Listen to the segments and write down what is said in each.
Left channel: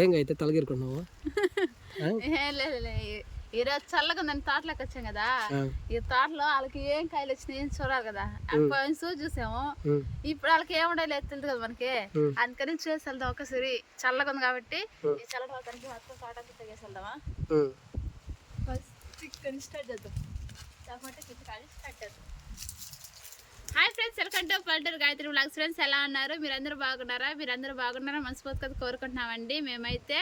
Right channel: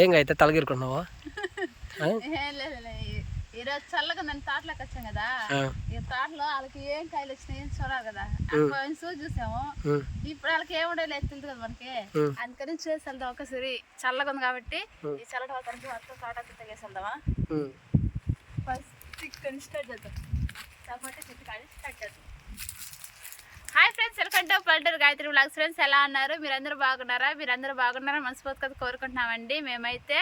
ఏం అయితే తలగిరుకున్నావా? ఏం ఈరోజు చల్లగా ఉందని తోటలోకి వచ్చాం కదా. ఈ తోటలో వాళ్ళకి ఏం కాయలు వచ్చినాయి ఏం చూడాలి కదా. సో చూసాము. ఇప్పుడు వాళ్ళకి ఏముండే లేదు తెలియదు కదా మనకి. అందుకని చూసి వెళ్దాం ఒకసారి. చల్లగా ఉంది కాబట్టి ఈ చల్లటి వాతానికి మొత్తం తోట తెగేసి వెళ్దామా. ఫస్ట్ ఇక్కడ స్టార్ట్ చేద్దాం. చెట్టు కానీ స్టార్ట్ చేద్దాం హాయ్ ఫ్రెండ్స్ వెల్కమ్ టు పల్లెటూరు గాయత్రి బ్లాగ్స్ ఫ్రెండ్స్ ఎలా ఉన్నారు? మీరందరూ బాగున్నారా? మీరందరూ బాగున్నారా? మనస్ఫూర్తిగా కోరుకుంటున్నామండి. మేమైతే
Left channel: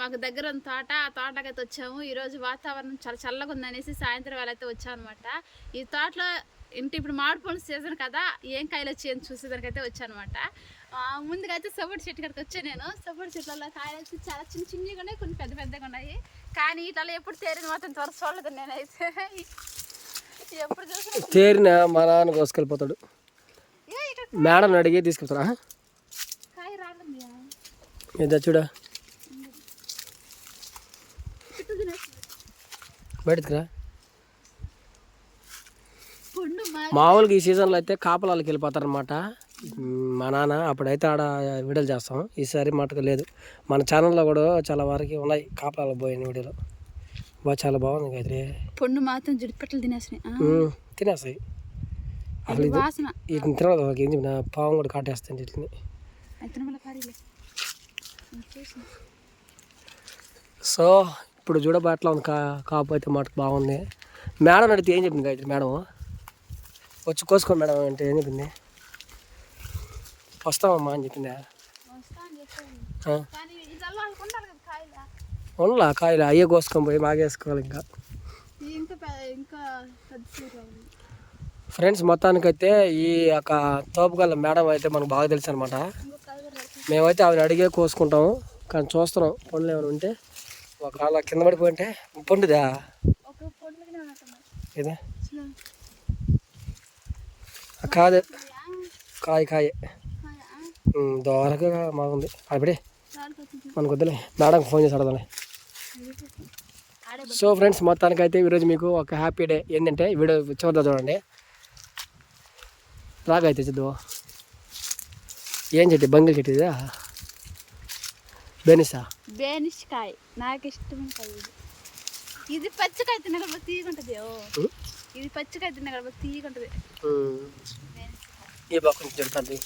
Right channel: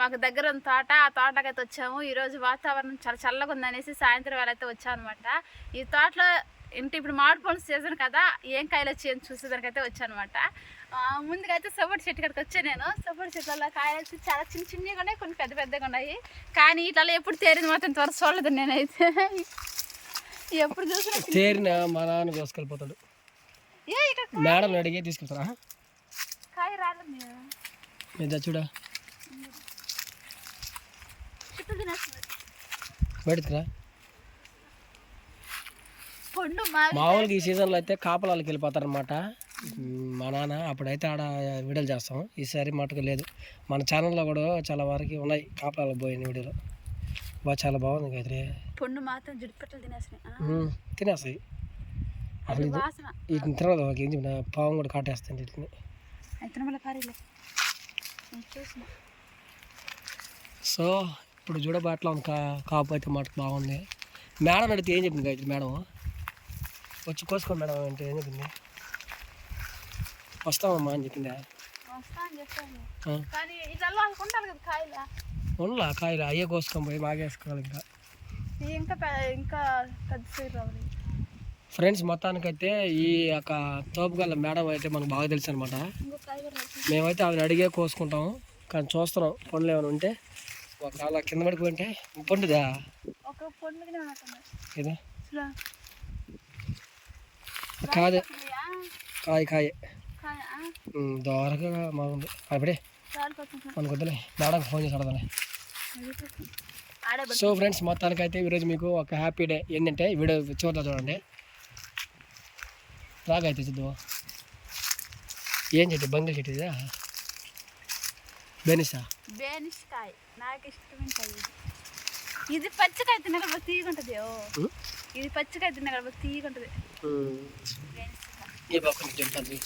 మాకు దగ్గర ఉన్న తోట ఆ తోటకైతే వచ్చాము. ఈరోజు వాతావరణం చాలా చల్లగా ఉందనేసి సాయంత్రం వేళ అయితే వచ్చాం అనమాట ఈ తోటలో ఇంటి ఇప్పుడు మామిడి పండు సీజన్ కదా ఏం కాయలు వచ్చాయని చూసేదానికైతే వచ్చానమాట. ముందుకైతే ముందుగా అయితే సపోర్ట్ చెట్టు కాడికి వచ్చాను నేను. సపోర్ట్ చెట్లలో కాయలు వచ్చి చాలా చిన్న చిన్నగా ఉన్నాయి కొన్ని పెద్ద పెద్దగా ఉన్నాయి. కానీ ఇట్లా ఎప్పుడు తేరింది మాత్రం త్వర చూడలేదు నేనైతే. తేరిన మా నాన్న కోసుకెళ్ళిపోతాడు. మేడం అడిగి తీసుకెళ్తారా ఇదా చూడా. చుట్టూ తినేస్తుంది బయటకు రా. పండు మా మామూలుగా ఈ సీజన్లో అయితే కాపలాలకు వెళ్ళిపోతారనమాట మా నాన్న అప్పుడైతే ఆడ వీడియోలు చేస్తాం. ఈసారి మటుకు లేదు. మన ఛానల్లో కూడా చాలా వరకు ఉన్నాయి కాపలాలకు పోయిన వీడియోలు. బాగా చాలా బాగుంది గాయత్రి. పండు మాత్రం జిడిపెట్టలు తినేసినాయి. తినేస్తాయి. అసలు ఇది వీటిని తినదు వాళ్ళకి ఏం చెప్పిన పావం కూడా కాటేస్తాయి వీటిని. సో ఇప్పుడు చూడబాట్లా ఉంది కా కాపు అయితే మటుకు బాగుంది. మేడం అడిగితే ఏం చెప్పింది గాయత్రి మేడం? వచ్చి కోసుకోండి మేడం అంటే ఏం చెప్పింది? వస్తామమ్మా అని చెప్పింది? కదా కాయలు? అయ్యే కోసుకొని పోయి మాగేసుకోవాలి ఇంకా. ఇంకా పె- ఇంకా పెద్ద సైజు రావాలి. ఫ్రెండ్స్ మొత్తానికైతే ఈ యొక్క తోపుగల్ల మేడం అయితే మనకు బాగా తెలుసు అనమాట. మేమైతే ఆవిడ అడిగే కోసుకుంటాము. కానీ చూస్తున్నాం. పండ్లు ఏమైనా ఉంటే ఒకవేళ కింద పడిపోయి ఉంటే పండుదా? ఇది కాదు? కాయ. కాయ? దోరగా బాగుంది అప్పుడే మనకు వద్దులే మేడంకి ఫోన్ చేసి అడదాలే సో ఫ్రెండ్స్ మొత్తానికైతే ఈరోజు మీకు ఒక హ్యాపీ డే. ఏంటంటే వీడియో చూద్దా చూడండి. రాగైతే చూద్దాం. ఏం చెట్టు? బంగిల్ చెట్టు ఇదా? బెనిసా? బేనిష్ కాయ నాకు ఇష్టమైన కాయ ఇది. ఇది పచ్చికాయ తినగల బాగా తీయకుంటది ఓ. ఉం? ఇది పచ్చికాయ తినగల బాగా తీయకుంటది బేనిష్ కాయ ఈ బాగా కొంచెం చెడుతుంది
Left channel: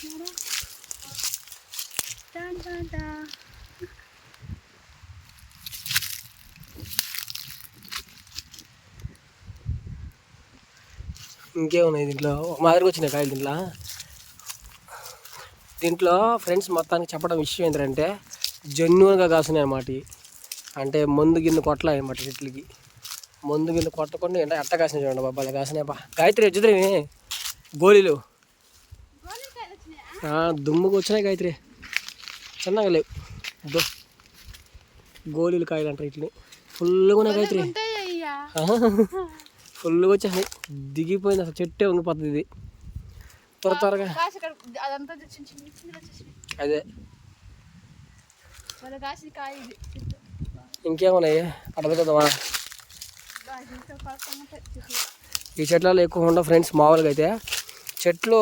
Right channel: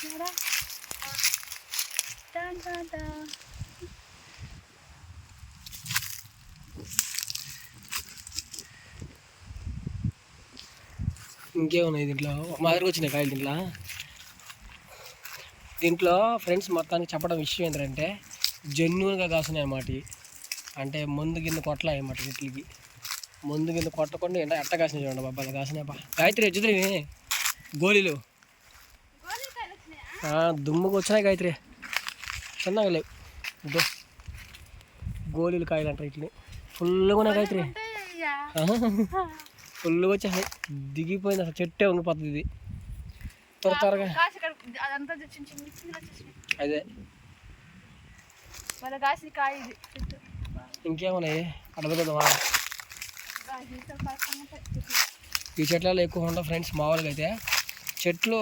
చూడా టాన్ టాన్ టా. ఇంకేమున్నాయి దీంట్లో? ఒక మాదిరిగా వచ్చినాయి కాయలు దీంట్లో. దీంట్లో ఫ్రెండ్స్ మొత్తానికి చెప్పడం విషయం ఏంటంటే జెన్యున్గా కాసున్నాయి అన్నమాట. అంటే మందు గిన్నె కొట్టలే అన్నమాట చెట్లకి మందు గిన్నె కొట్టకుండా ఎంత ఎట్ట కాసినాయి చూడండి బాబా అలా కాసినాయి బా. గాయత్రి ఎచ్చుద్రి గోళీలు. దుమ్ముకు వచ్చినాయి గాయత్రి. చిన్నగా లేవు. దో గోళీలు కాయలు అంటారు ఇట్లని ఫుల్గా ఉన్నాయి అయ్యా ఫుల్గా వచ్చేసాయి దిగిపోయింది అసలు చెట్టే ఉండిపోతుంది ఇది. త్వర త్వరగా. అదే. ఇది. ఇంకేమున్నాయి? చెట్లు. ఈ చెట్లలో ఎక్కువ ఉండవు ఫ్రెండ్స్ మామూలుగా అయితే. చెట్లు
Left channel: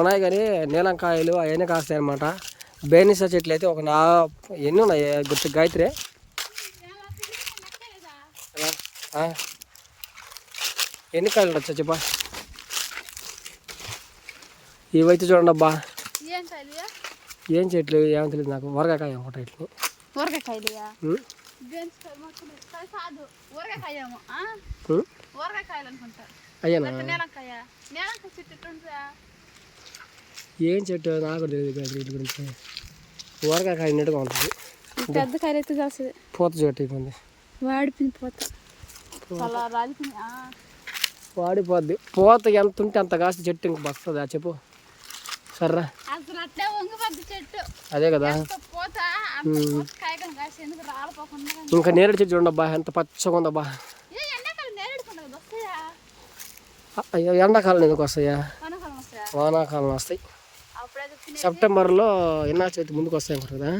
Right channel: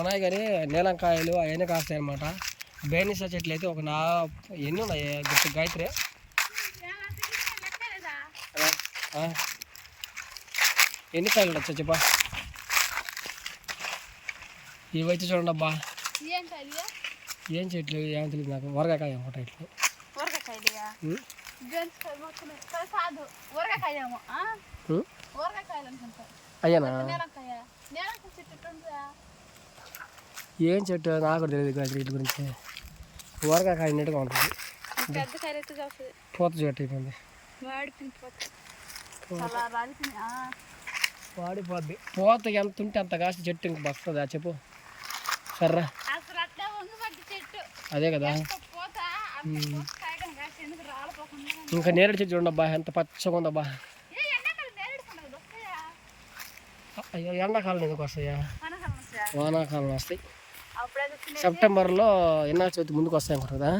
ఉన్నాయి కానీ నీలంకాయలు అవన్నీ కాస్తాయి అనమాట బేనిసా చెట్లు అయితే ఒక నా ఎన్ని ఉన్నాయి? గుర్తు గాయత్రి? ఎన్ని కాయలు ఉండొచ్చా చెప్పా. ఇవైతే చూడండి అబ్బా. ఏం చెట్లు? ఏమో తెలియదు నాకు వరగాకాయ ఒకటి ఇట్లు అయ్యానా నేలంకాయ నేలంకాయ చెట్టు ఎట్టుంటుందా ఏం చెట్టు నాకు తెలియదు వీటి గురించి. ఊరగాకాయ అన్నట్టుగా ఉంటుంది. పెద్ద కాయలు పూత చెట్టు అయిపోయింది. వాడిపోయింది పోత. ఆ. వాడిపోద్ది. పూత ఎంత ఉంటే అంత కాసి చెట్టు ఇంక వస్తుందా చెప్పు. సర్రా. అదే కదా. ఇంకా నేరేడు చెట్టు చూడండి అబ్బా ఎంత పచ్చగా ఉందబ్బా. అయ్యో ఎండాకాలం ఎందుకు వస్తాయా? వానాకాలం వస్తాయి. సెప్టెంబర్లో ఎన్నా చవితి ముందుకు వస్తాయి కదా?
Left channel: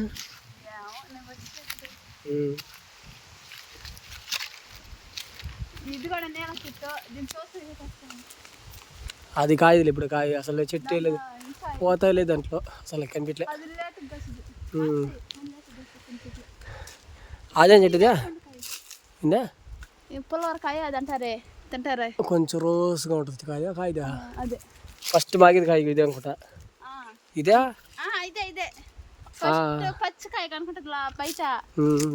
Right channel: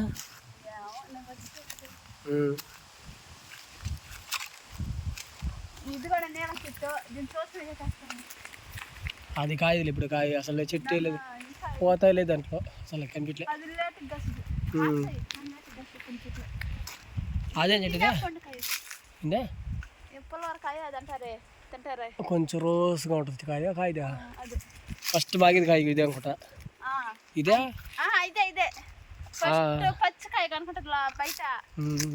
అది కాయలు ఇప్పుడు కాయ అసలు చెట్టే లేదు. పోతా లేదు దాంట్లో అసలు కనిపించలే. అది పండుకాయ ఇందా కొంచెం రోజుగా ఉంటుంది కాయ కాయదా? అదే. ఫస్ట్ బాగేది కాయ ఇదే అనుకుంటా. ఇదే? ఇదే ఇదే. పచ్చికాయ కనుకుంటుంది బయట.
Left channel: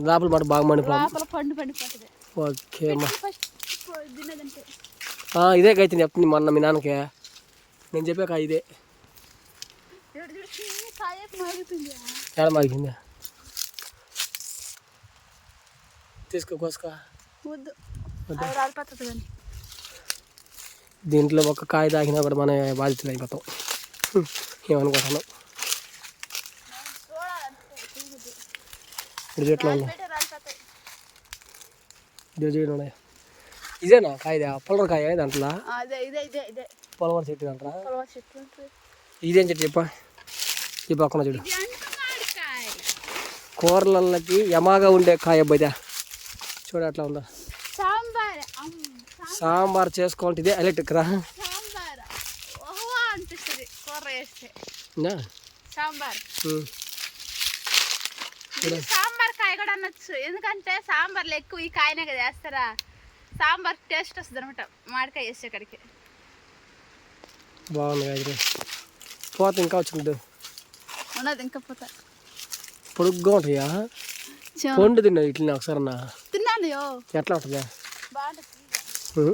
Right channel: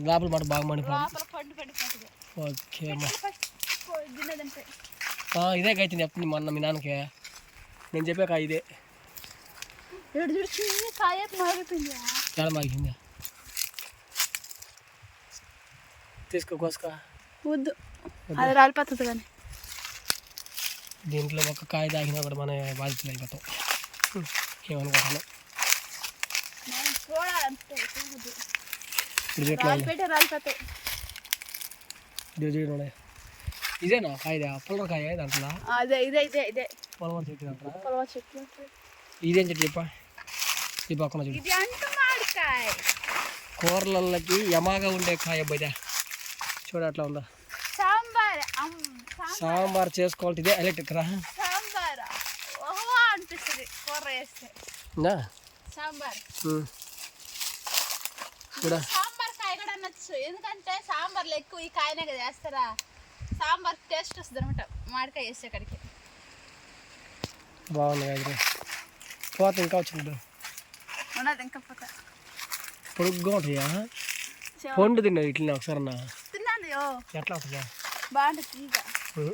లోపల మాట బాగా మండిపోయింది లోపల పండు పండిపోతుంది. ఓకే ఇదే కాయ చెప్తుంది మొన్న మీ నాన్నకి. నేను చెప్పే కాయ ఇదే. ఎడ మాగిందా తీసుకో కోసుకో. వద్దు. రాలిపోతుంది కానీ. దీంట్లో ఒక కాయ తాగినా కూడా మన బాధితులు అయిపోతాం. ఏమనుకుంటున్నాం ఇప్పుడు చెట్లు ఉన్నాయి? ఇదేనా కాయదా? పొలర కాయ దాంట్లో పొలవర చెట్టు దాంట్లో ఉంటాయి. ఇదేం చెట్టు చెప్ప. ఈ పక్కన మామిడికాయ కూరలకి యమాగా ఉండే కాయ బజ చూడు అట్లా ఉందా? సాంబార్. సాంబార్ చేసుకోవాలంటే ఇదే ఎలక్ట్రిక్ రా. అనిపిస్తుంది కూర వేస్తే? సాంబార్ సాంబార్ కాయ కూడా అనొచ్చు. ఎందుకంటే సాంబార్లో ఎక్కువ ఈ కాయనే కదా వేస్తారా సాంబార్ టేస్ట్ వస్తుంది అనమాట మామిడికాయ వేసే కాడికి బాగుంది కాయ పోత ఇంకా వచ్చింది ఉన్నది ఇంకా పోతా. పొడుగ్గా ఉంటాయా? పండు తిన్నావు ఇట్లా ఒకసారి అన్న. తిన్నాను ఎట్లా ఉంటుందా బాగుంటుంది.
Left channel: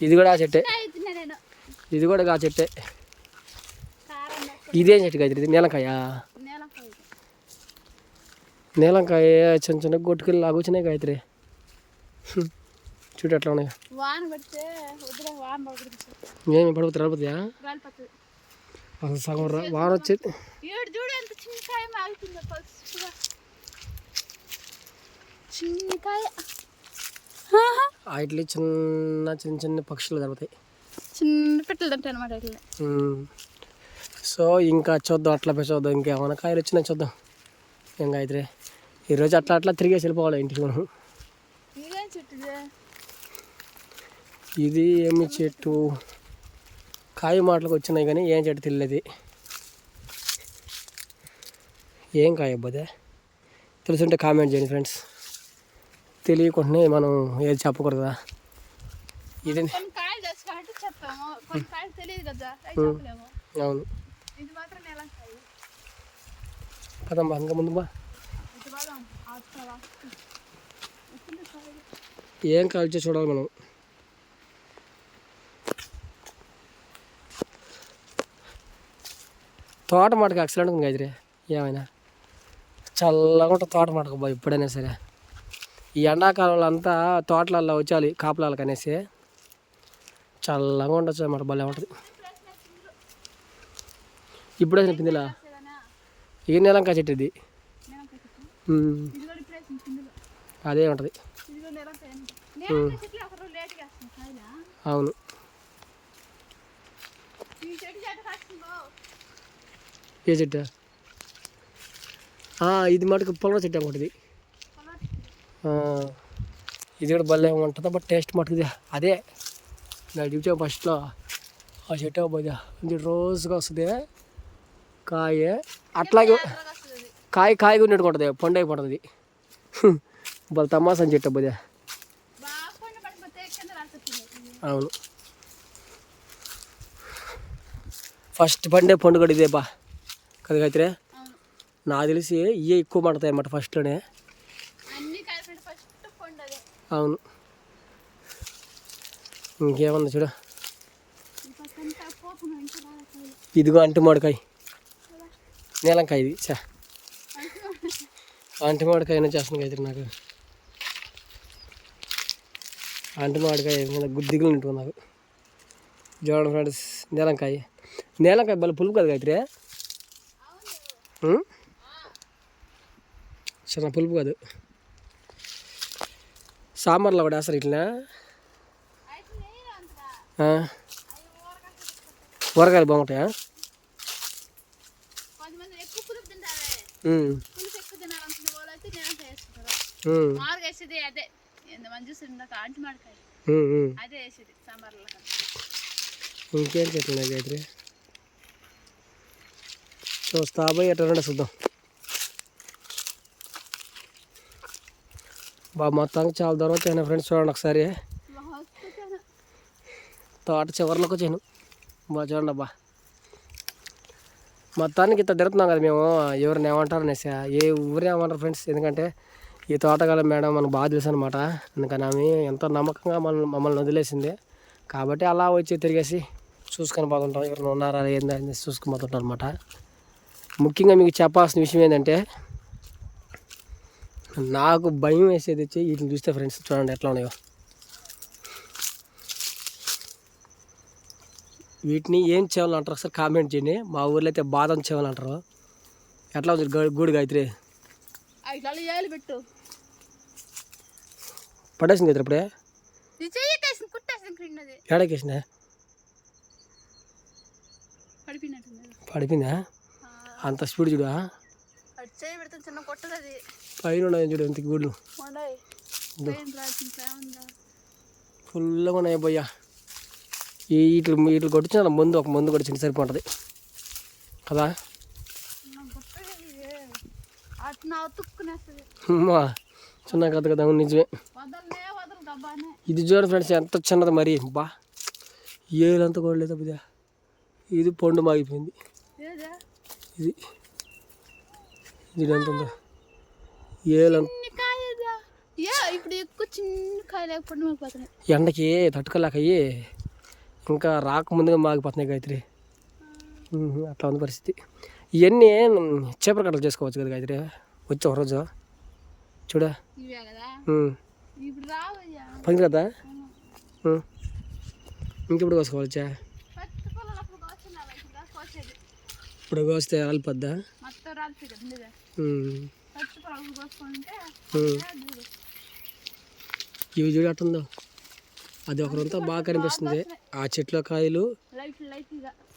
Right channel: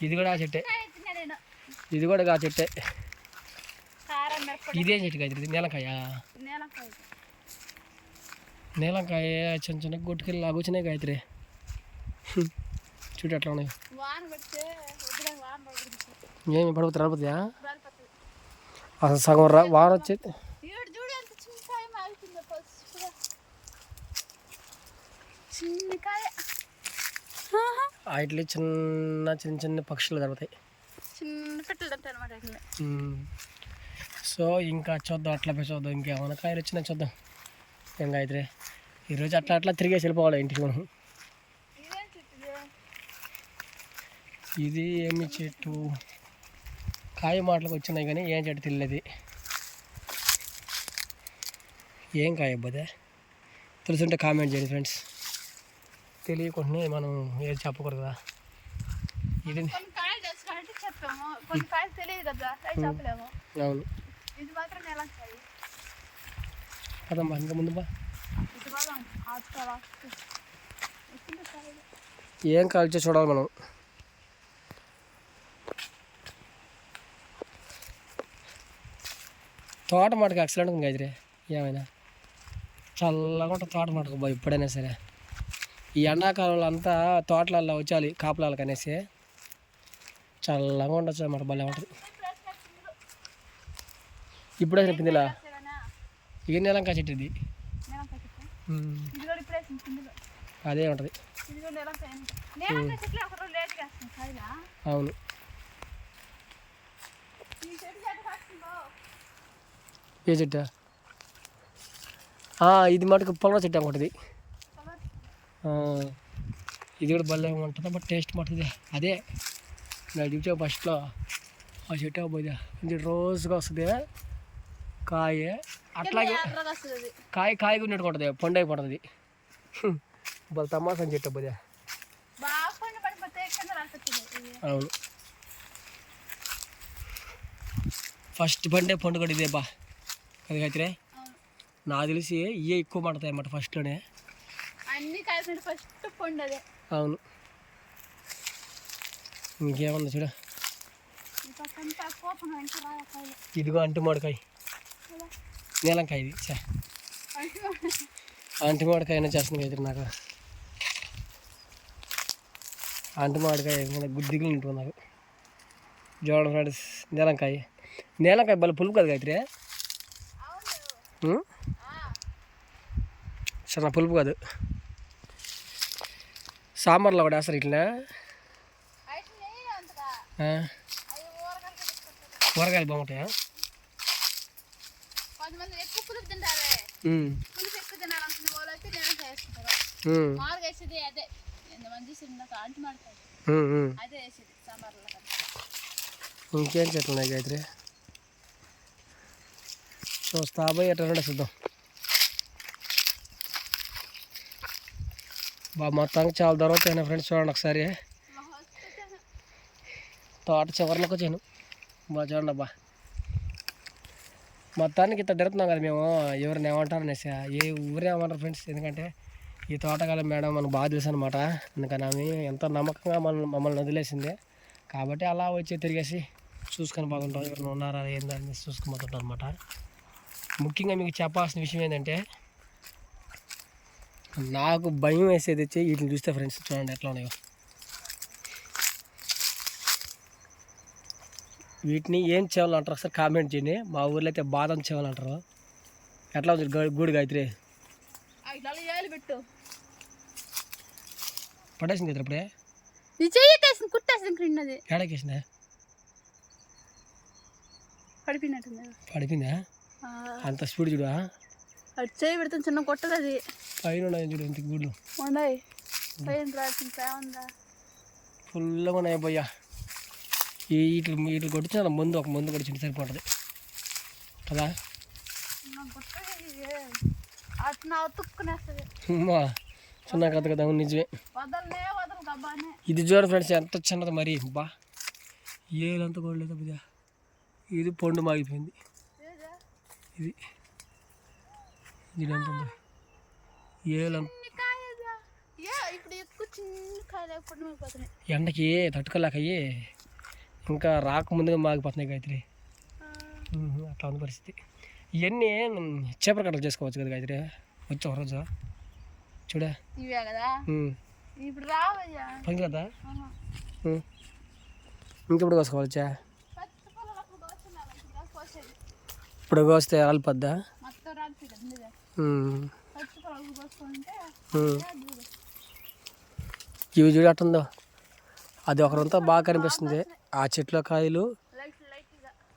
ఇది కూడా ఆ చెట్టే. నేను. ఇది కూడా ఆ చెట్టే. ఇదేం చెట్టు కాయ ఇది నీలంకాయ. నేలకాయ చిన్న చిన్న గొట్టుకెళ్ళి లాగొచ్చినాయి గాయత్రి. చూడు ఎట్లా ఉన్నాయి. పడుతుంది. ఏమి పడిపోతే రాలిపోతాయా గాలిపోతుంది అసలు సగం రా వాన వచ్చేది. వాటిలో చిన్న చిన్న చిన్న పక్షులు దొరుకుతాయి చిన్న పెట్టలు తింటాయి అనమాట. సో ఇంకా చూద్దాం అట్లా పోయి చూద్దాం. ఇంకేమైనా కాయలు వచ్చినాయి చూద్దాం. ఏం గాయత్రి? ఈరోజు అట్లా అట్లా తిరిగేసి వెళ్ళిపోవాలి ఇంటికి మనం. ఇదేం? ఏమి చెట్టు? కాయ మాటలకు వచ్చినాయి కానీ ఏం చెట్టు తెలియదు ఏం కాయ అబ్బదే తెలుసుంటే కామెంట్ చేయండి ఫ్రెండ్స్ తెలియకుండానే మనం ఏది చెప్పకూడదు? ఇది అవును. ఇది మాత్రం నెలంకాయ పదమ్మా ఇంకా ముందు బా. ఏం కాల్చో చూడాలి మనం. తోట మాటకు ఎక్సలెంట్ ఉంది గదిరే ఏమైనా? చల్లగా ఉంటుంది తోట మాటకు బా ఎప్పుడైనా సరే. ఈ ఎండాకాలంలో అంతా తోటలలో వచ్చాలి కాపులాలకు అనేసి చల్లగా ఉండొచ్చు అన్నమాట భలే ఉంటుంది. ఇప్పుడే పిందిలా? వస్తేగానా ఇక నెలంకా చెట్టు ఇది. ఇది పిందులో. అదే ఉంటుంది. ఇది అవును. ఏ చెట్టు? ఇది మటుకు పొలవ చెట్టు అనుకుంటుంది ఇది. కూడా భలే ఉంటుంది బట్ టేస్ట్ మటుకు ఇది. అదే. నాకు చూసా ఫస్ట్లో ఆ చెట్టు పోదా ఇది. రోజుగా వస్తుంది కాయ అట్లాగే కాయ కాయగా ఉన్నట్టు ఉంటుంది పండు అయిపోతుంది వాళ్ళ తమాసా చెట్టు ఇది అవును. ఫస్ట్ పండే పండు కూడా ఇదే బా. కదా అవును. నాకు తెలిసి ఇవే ఎక్కువ పడతాయి అన్నమాట ఫస్ట్లోనే. అవును. ఇంకేమన్నా చూడ. ఇదిగో అంటు మామిడికాయ నీలంకాయ ఇది చా అంటు మామిడికాయ చేస్తుంది అయితే నాకు అంటు మామిడికాయ గుద్దిగులు ఉంటుంది నాకు. చూడండి ఫ్రెండ్స్ నీలంకాయ. నీలంకాయ బల పులుపు కదా అయితే అవును. చాలా పులుపు కాదు. సాంబార్లో కూడా వేస్తారు ఇట్లా ఊరగాయలు బాగుంటాయా? ఎక్కువ పులుపు పులుపు ఎక్కువ తినాలనుకున్న వాళ్ళు అయితే నేను మామూలుగా వేసేది అదే ఎంతమంది చూసి ఇందాక అంటి అదే వేసేది సాంబార్లో ఇంకేం చెట్లు గాయత్రి? చూస్తా పోయి ఎట్లా చూద్దాం. బాబు మొత్తానికి చాలా దూరం వచ్చాను ఫ్రెండ్స్ చూడండి ఒకసారి. తోట చివరిలోకి వచ్చాను. బాగా చూడండి అబ్బా. మొత్తానికి ఇంత తిరుగుతున్నాం కదా మేము ఎవరిని ఏమంటారు అనేసి. ఏ ఊరే ఏమంటారు ఫ్రెండ్స్ ఎందుకంటే ఈ తోటగాళ్ళ మేడం మనకు బాగా తెలుసు అనమాట అందుకని ఆమె ఎంతో నమ్మకంగా మన మమ్మల్ని వదిలేసింది. కాబట్టి అలా వచ్చి తిరిగేసి చూసుకొని పోతుంటాం. ఎవరిని ఉన్నారా ఏందా అని చూసుకొని పోతుంటాం అనమాట ముఖ్యంగా మీకు చెప్పాల్సిన విషయం ఏంటంటే నాకు భయం వేసేది వచ్చి వీటిని చూస్తే ఫ్రెండ్స్ చూడండి ఎట్లా ఉన్నాయో. వీటిని ఏం చేయాలి అంటారు ఒకసారి కామెంట్ చేయండి. మా ఊర్లో అయితే బాదం చేయాలి అంటారు ఎట్లా ఉంది గూడు గాయత్రి? పెట్టు. పడేసింది కదా ఇప్పుడే? ఏడకేసిన పడిపోయిందా? అంత స్పీడ్ చూడు చేయి చిన్న కొట్టదు అది. పైన ఉన్నాయి చూడు రాసింది ఉందా? ఫుల్గా ఉన్నాయి పోయా ఈ వీటి వీటిని కొట్టించిన ముందు ఒక ముందు కొట్టించింది సరిపోతుంది. కదా? చిన్న కథ కదా నిజమే. ఇది చూడండి ఫ్రెండ్స్ ఎంత చిన్నది మరి. బా. ఏలంతా కొడలేదు బిడ్డ ఇది. పండు మాగిపోయింది. ఇది. ఇది ఎంత ఉందో. ఏలంత ఎండకి తట్టుకోలేక ఇంకా రాకముందుగా మాగిపోతున్నాయి గాయత్రి. అట్లా ఉంది పరిస్థితి. ఇవన్నీ చేపల కట్టలు చేసుకోవచ్చు కదా గాయత్రి? వచ్చి ఒక రోజు. చూడ. ఇవే కదా. ఇంకెప్పుడు కోసుకోవచ్చా ఇప్పుడు కోస్తే రాలిపోద్దా? ఇవి చూడు అట్టుందో అది ఒకరంతా బాగా కనిపిస్తుంది. ఆ చెట్ల కాయలు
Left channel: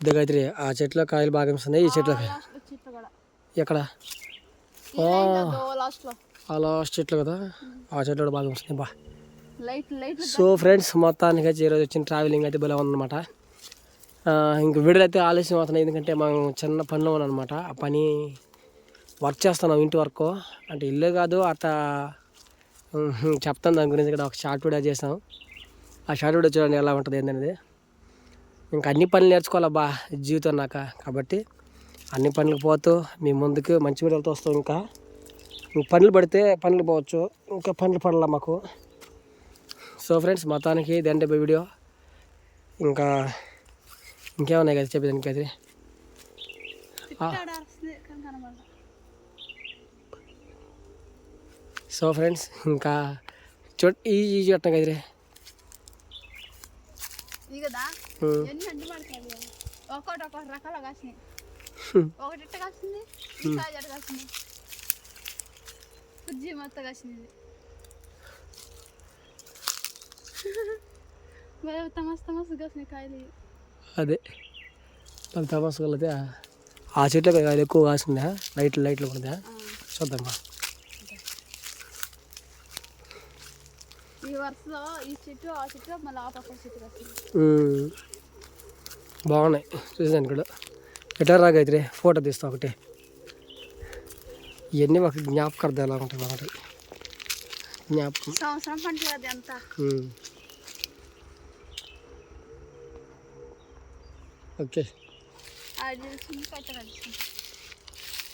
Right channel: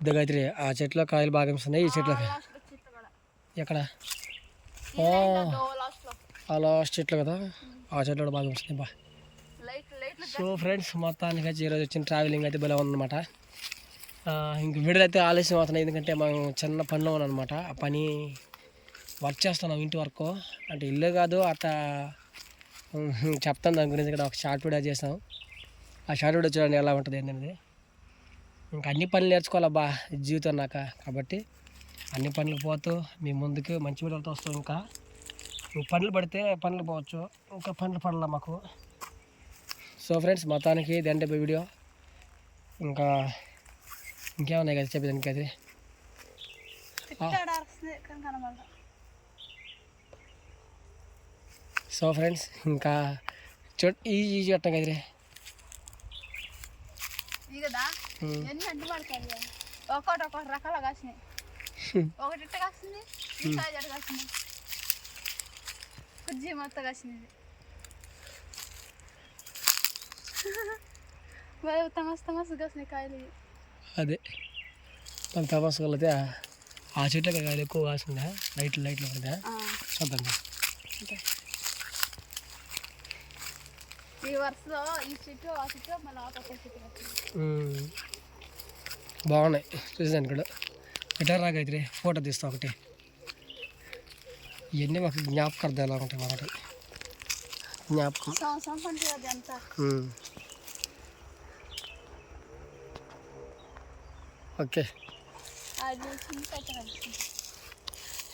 దగ్గర ఆ చెట్లో కాయలు బాగా కనిపిస్తున్నాయి. ఈ చెట్ల కాయలు చెట్లు ఎక్కడ ఆ లాస్ట్ చెట్లు కదా. ఆ చెట్లు కూడా బాగా వస్తున్నాయి బా. సో ఫ్రెండ్స్ మొత్తానికి అయితే ఈరోజు వచ్చిన ట్రావెలింగ్ అయితే భలే ఉందన్నమాట. ఇంక విడుదలైతే ఆలస్యం అవుతున్నాయి. ఎందుకంటే మనం చిన్న పనిలో ఉన్నామన్నమాట. ఆ పని వర్క్ చేస్తున్నాం ఇంటి వరకు. అంటే ఇల్లు కాదు అట్లా చెప్తాను. దాని గురించి ఇక్కడ ఒక షార్ట్ వీడియో చేసాం ఆ షార్ట్ వీడియో చూడండి ఎలా ఉంటుంది ఏంటనేది ఇంకా అన్ని పనులు నేర్చుకోవాలబ్బా జీవితం నాక కాబట్టి అన్ని పనులకు పోతూ మీ ముందుకు మంచి వీడియోలతో వస్తాం ఇంకా పనులు పడితే పనులు పోవచ్చు ఇంకా పనులు పడాల మాకు సో ఫ్రెండ్స్ మొత్తానికి ఇదంటే వీడియో ఇంకా ఇంకేమున్నాయి కదా చెప్పేదానికి అది సో ఫ్రెండ్స్ ఇంకా చూ ఈజీ ఈజీ చెట్టు కదిరే కదా ఎన్ని అడ్డు పడతాయి? ఒక్కొక్కటి ఒక్కొక్క రకాల కాసినాయి. ఒకటి ఇట్ట కాసింది? ఇంకా జడ కాసింది? మొత్తం కాసింది మరి తమస్ తమస్ కాసినాయి కాయలు. అదే. తమాసుకలైతే ఆ చెట్లు కాయలు ఎక్కువ కాసిందా? లైట్లు లైట్లు ఉందా ఆ, ఈ వరుసలో ఈ చెట్టు ఆ చెట్టు మళ్ళీ ఆ పక్క చెట్టు కాసింది ఉమ్. బాగున్నాయి. చూసాను కూడా. ఎటర్ రాగైతే ఫోటో తీస్తా ఒకటి. ఇవన్నీ ఒక జ్ఞాపకార్థం ఎలా ఉంటాయి మనకి జ్ఞాపకం. సంవత్సరం పండుగ అది అంతా. ఓకే.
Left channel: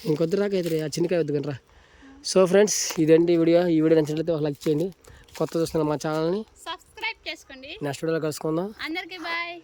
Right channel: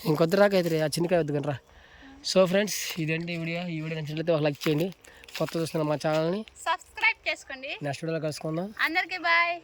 ఇంకొద్ది రాకైతే ఆ చిన్నకాయ వద్దు కనరా సో ఫ్రెండ్స్ ఇదండి వీడియో. ఈ వీడియో నచ్చినట్లయితే ఒక లైక్ చేయండి. కొత్త చూస్తున్న మా ఛానల్ని. సబ్స్క్రైబ్ చేసుకోండి. నెక్స్ట్ వీడియోలో కలుసుకుందాం. అందరికీ బాయ్.